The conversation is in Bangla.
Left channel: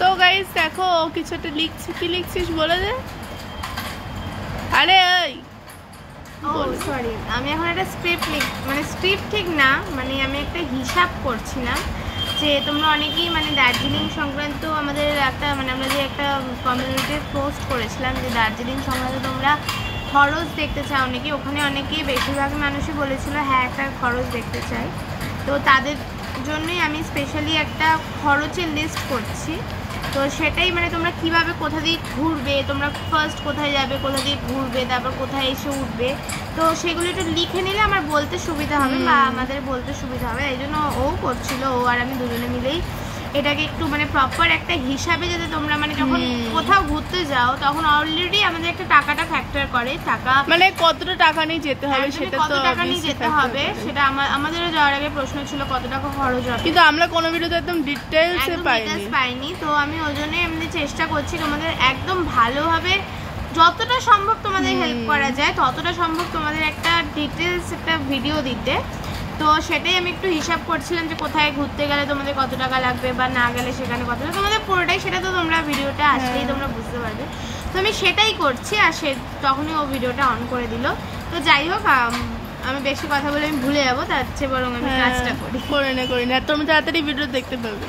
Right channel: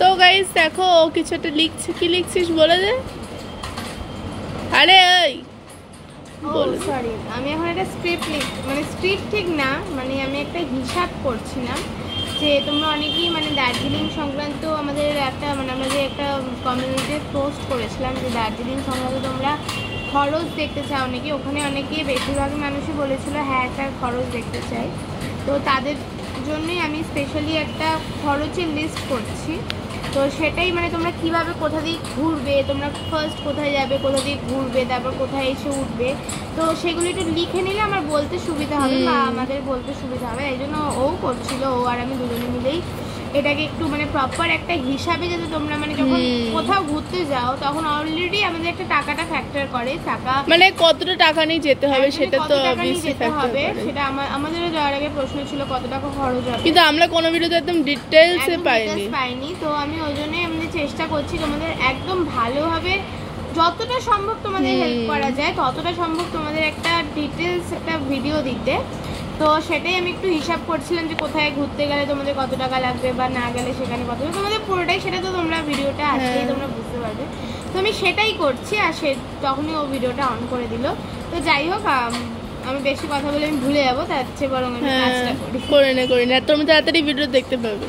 তো গাইস দেখো ও কিছু একটা লিখছে, কি লিখছিস বলে দে। আরে ওই সরি, আমি এখন একটা স্ক্রিপ্ট মানে স্ক্রিপ্ট ঠিক না, মানে আমি একটা হিসাব করছিলাম যে তোমরা অনেকেই মানে দার্জিলিং সংক্রান্ত আমাদের একটা মানে আমরা যে একটা কমিউনিটিতে পোস্ট করেছিলাম যে দার্জিলিং সংক্রান্ত তোমরা খরচ দেখতে চাও অনেকে, ওখানে অনেকেই বেশিরভাগ মানুষই বলেছিল হ্যাঁ একটা খরচ দেখতে চাই। তো তাদের জন্যই আমি স্পেশালি একটা খরচের লিস্ট করছি। তো সেটাই মানে তোমরা কিভাবে কোথা দিয়ে ঘুরবে, তোমরা ফার্স্ট কোথায় যাবে, কোথা দিয়ে ঘুরবে, তারপর কোথায় এসে উঠবে, তো সেগুলো একটু লিখে নিলে আমার বলতে সুবিধা হবে বা আমাদের বলতে সুবিধা হবে। এই জন্য ও করছিল, ও আর আমি দুজনে মিলেই এটাকে একটু মানে প্রপার একটা হিসাবে, যাতে তোমরা মানে যখন কোথাও ঘুরতে যাও তখন অলরেডি আমাদের একটা টাকাটা ফ্যাক্টর করে, টাকা মানে কতটা টাকা নিয়ে যেতে হবে সেটা তো যেতে হবে, সেটা আমাদেরও যাওয়ার আগে প্রশ্ন ছিল কত টাকা খরচ হবে, কিন্তু আমরা কোনো ভিডিওতে একদম ডিটেইলসে পাইনি। তো আমি ওই জন্য এমনি চেষ্টা করছি তোমাদের একদম ভালোভাবে যতটা সম্ভব তোমাদের হেল্প করা যায় ততটা সম্ভব তোমাদের একটা ডিটেইলস একটা ভিডিও দিতে। তো সেটাই আমি একটু হিসাব করছিলাম যে কোথায় ঘুরতে গেলে তোমাদের কত টাকা লাগবে বা না গেলে সেখানে কত, তোমাদের পুরোটাই সেটা তো তোমরা ভিডিওটা আসলেই তোমরা বুঝতে পারবে। তো আমি সেটাই করছি, আর তখনই ও ভিডিওটা অন করে দিল। তো যাই হোক, আমি বেশি কথা বলে আমি ভুলে যাবো, তার চেয়ে বরং আমি কাজটা করি। করে না তোমরা তাড়াতাড়ি ভিডিও দেখতে পাবে।